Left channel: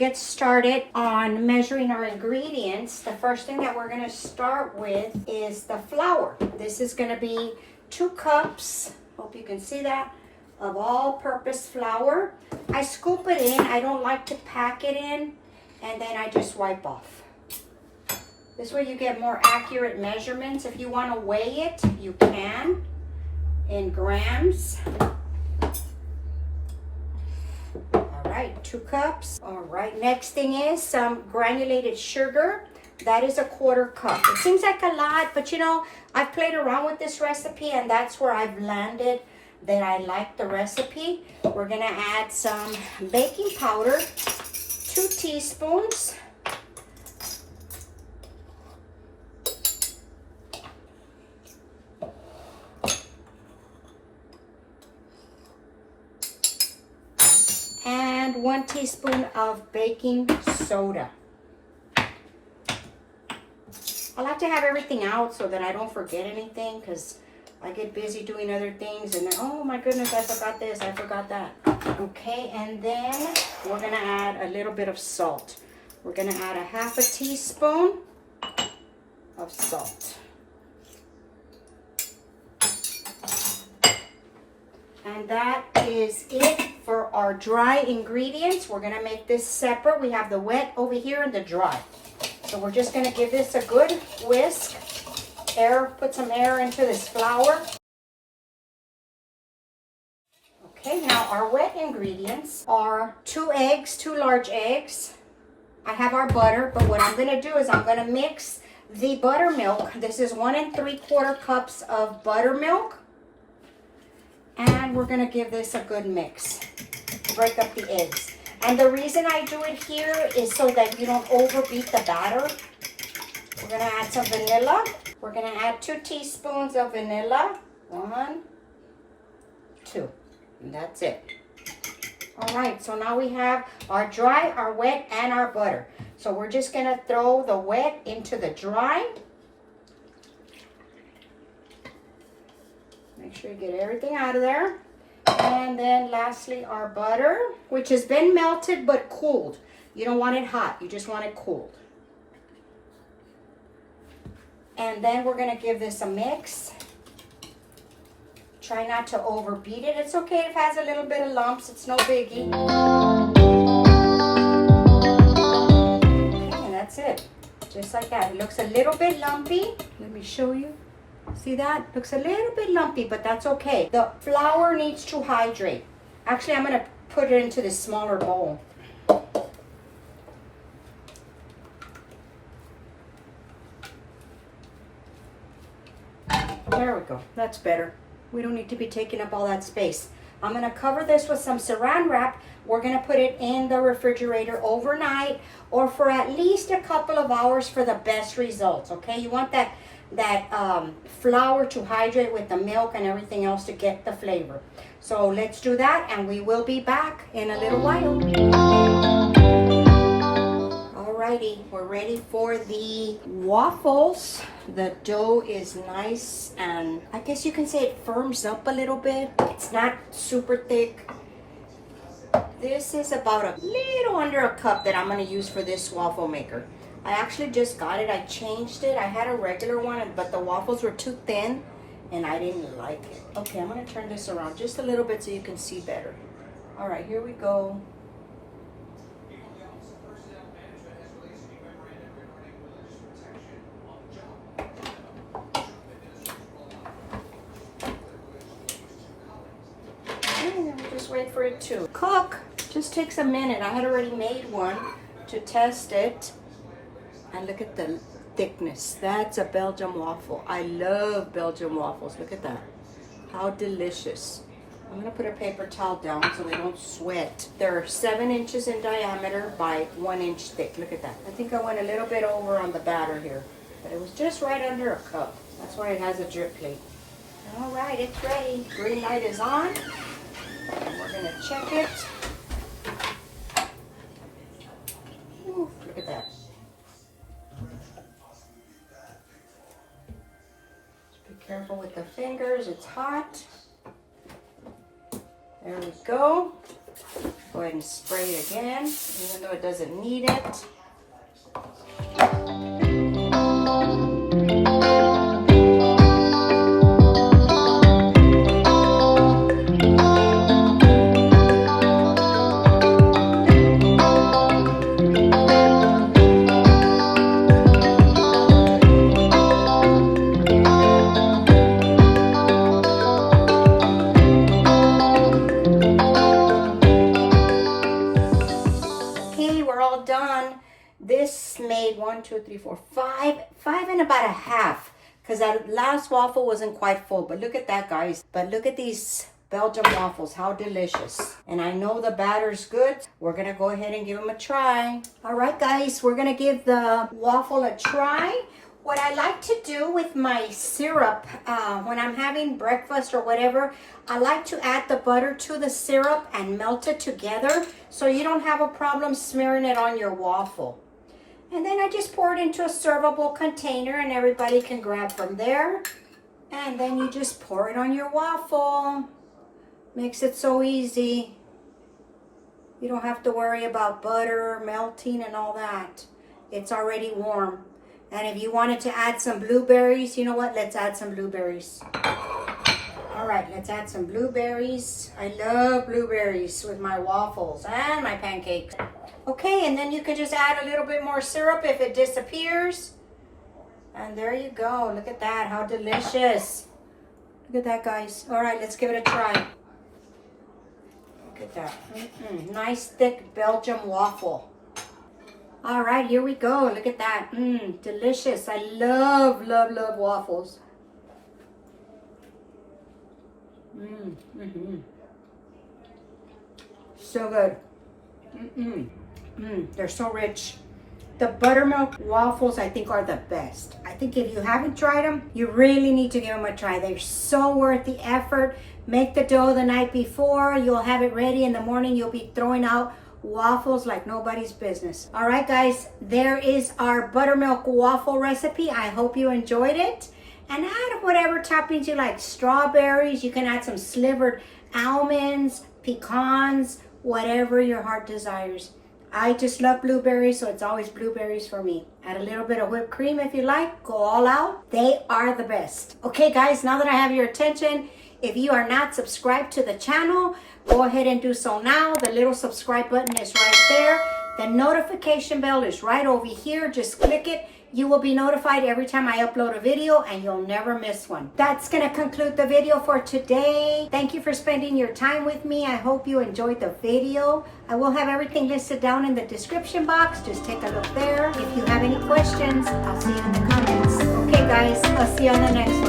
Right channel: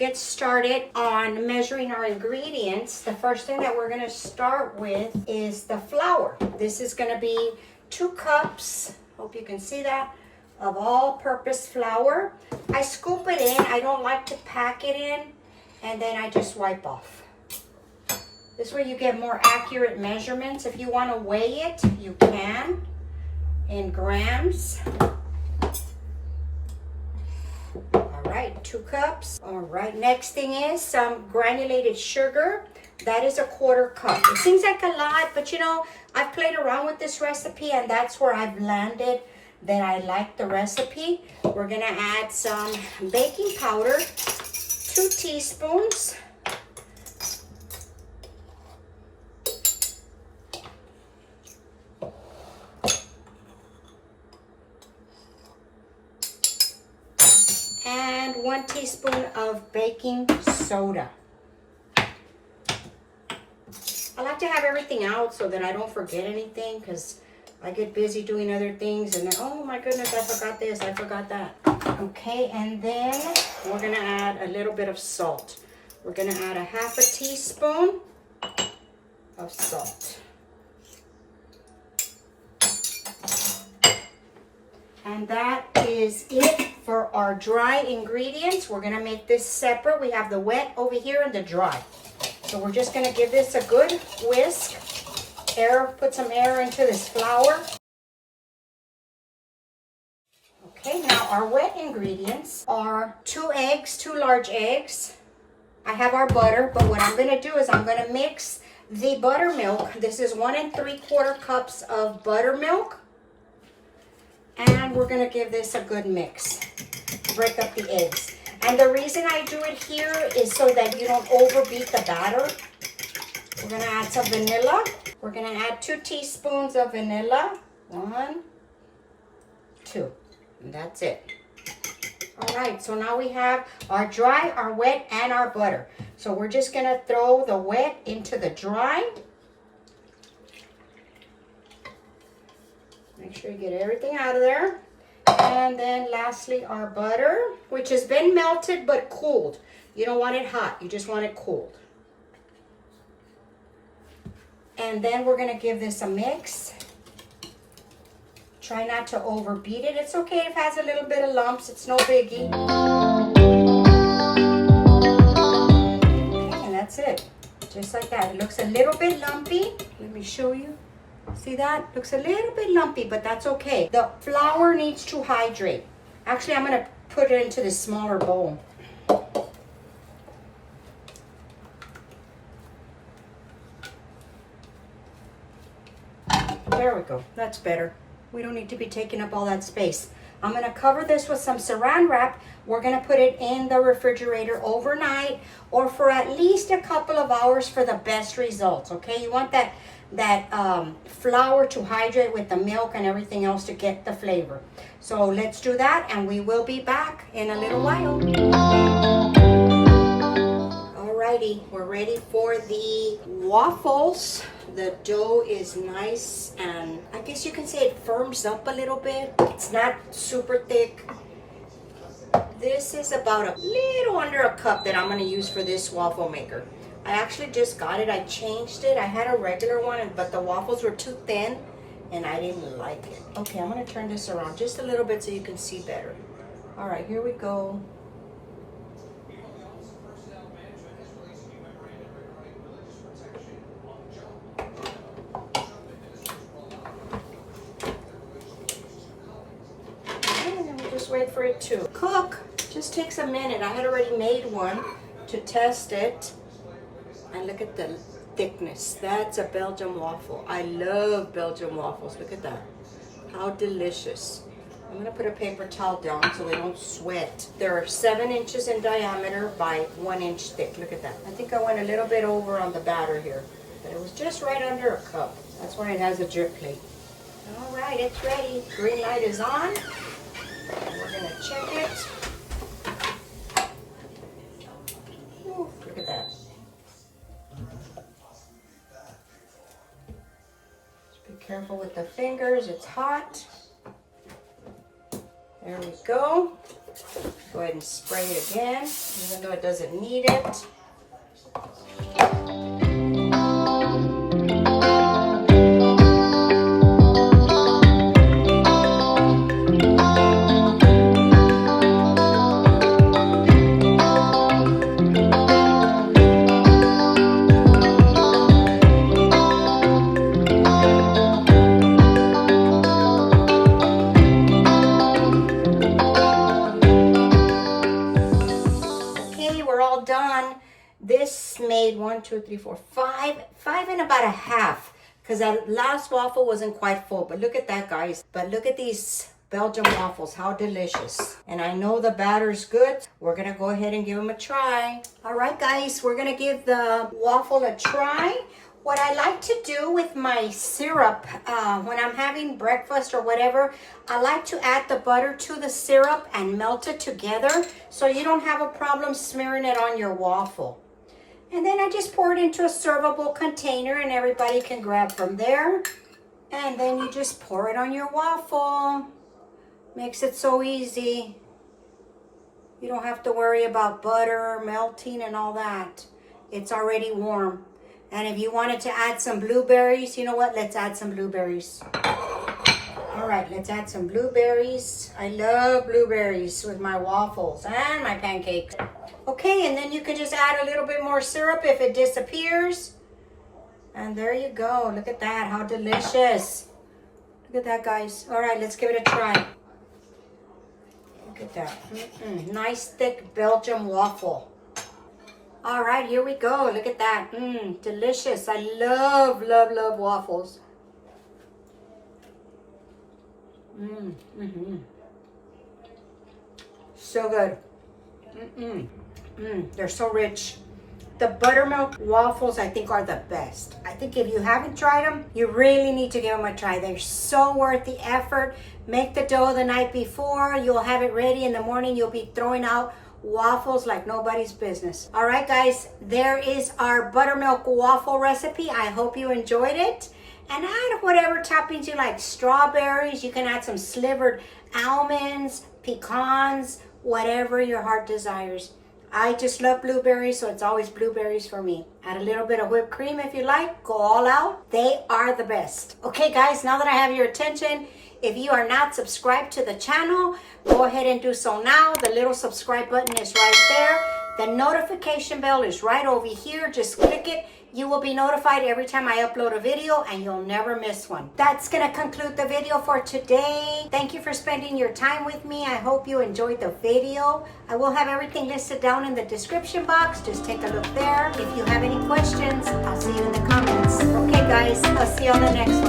get started on measuring our ingredients, the first thing that we're going to start with is the flour. This is going to be 2 cups, hope you can see that, of all-purpose flour. I scoop it in. I don't like to pack it in, and then I just wipe off. This is where you get more accurate measurements. If you want to weigh it, you can in grams. All right, 2 cups. All right, next thing is some granulated sugar. That is a 1/4 cup. It seems like a lot, but you know, I've played around with this recipe and that's where I've landed that I like the recipe. We're gonna add some baking powder, 2 teaspoons. And 1 teaspoon of baking soda. I like to have everything out so that I don't forget anything, because I get busy doing other things and then, oh my goodness, I forgot this, I forgot that. Okay, and then we're gonna add a little bit of salt. We're gonna add a 1/2 teaspoon of salt. And that is it for our dry ingredients. We're gonna make this separate. We have the wet over here and the dry. So we're just gonna give this a good whisk. Put some air into this flour. Okay, now our wet ingredients are 2 eggs, 2 large eggs. I have our butter, but what I'm gonna do is I'm gonna mix the buttermilk. This is 1 3/4 cups of buttermilk. And we're gonna give this a good mix. Break up the eggs. And the reason I do it here is so that you don't overbeat the batter. We're gonna add some vanilla. We're gonna add 2 teaspoons of vanilla. 1, 2, and that's it. All right, so now we have our dry, our wet, and our butter. So we're just gonna throw the wet into the dry. Make sure you get everything out of there. And then lastly, our butter, which has been melted but cooled. You don't want it hot, you just want it cooled. And then we're gonna give this a mix. Try not to overbeat it. It's okay if it has a little bit of lumps, it's no biggie. Okay, and that's it. Just like that. It looks a little bit lumpy. Let me show you. See that? Looks a little bit lumpy, but that's okay. The flour needs to hydrate. Actually, I'm gonna put it into the smaller bowl. There we go. That's better. We don't need to be taking up all that space. I'm gonna cover this with some saran wrap. We're gonna put it in the refrigerator overnight or for at least a couple of hours for the best results, okay? You want that flour to hydrate with the milk and everything else to get the flavor. So let's do that and we will be back in a little while. Alrighty, we're ready for the waffles. The dough is nice and I guess you can say it firms up a little bit. It's not super thick. This is about a little under a cup that I'm going to use for this waffle maker. I actually just got it. I changed it. I had a regular one, but the waffles were too thin and I didn't like it. Okay, I'm going to turn this around just a little bit so you can see better. All right, here we go. Just wait for it to cook. Just takes a minute. I had already made one to test it. And look at the thickness. That's a Belgian waffle. I love Belgian waffles. Look at that. How delicious. I'm going to put a paper towel down so they don't sweat. They're 7 inches in diameter by 1 inch thick. Look at that. I think I went a little bit over on the batter here. But it was just right under a cup. That's why it has a drip plate. All right, it's ready. Green light is on. And we're going to check it. Ooh, look at that. Careful with the fingers, it's hot. There we go. Go ahead and spray it again, even though it doesn't need it. This made 1, 2, 3, 4, 5 and about a half, because that last waffle wasn't quite full. But look at that, guys. But look at these Belgium waffles, how delicious. And I know the batter's good. We're gonna go ahead and give them a try. All right, guys, we're gonna give the waffle a try. What I like to do with my syrup, when I'm having breakfast or whatever, I like to add the butter to the syrup and melt it together so you don't have a problem smearing it on your waffle. And then I just pour it into a servable container and everybody can grab from there. And then you just pour it on your waffle. Makes it so easy. You don't have to worry about butter melting and all that. It's already warm. And if you wanted to add some blueberries, you know what? Let's add some blueberries. All right, let's add some blueberries. I love blueberries with my waffles and my pancakes. Okay, and then you can just add a little bit more syrup if it disappears. And there you go. Look at that, how delicious. Look at that, guys. All right, let's give it a try. Look at that. Nice thick Belgium waffle. All right, here we go. Look at that. Delicious. I love, love, love waffles. So good. They're so rich. The buttermilk waffles, I think, are the best. I think if you haven't tried them, you really need to give them a try. They're so worth the effort. Make the dough the night before. You'll have it ready in the morning. You'll be throwing out waffles like nobody's business. All right, guys, there is our buttermilk waffle recipe. I hope you enjoyed it. And add whatever toppings you like. Strawberries, you can add some slivered almonds, pecans, whatever your heart desires. I just love blueberries, so it's always blueberries for me. Add a little bit of whipped cream if you like. Go all out. They are the best. Okay, guys, now that I have your attention, if you are not subscribed to the channel, go ahead and do so now. The little subscribe button is right there. The notification bell is right over here. Just click it. You will be notified every time I upload a video and you'll never miss one. That's going to conclude the video for today. Thank you for spending your time with me. I hope you enjoyed the video. I will have everything listed down in the description box. Just take a look there. If you have any questions, I'll see you in the comments. Okay, guys, I'll see you on the next one.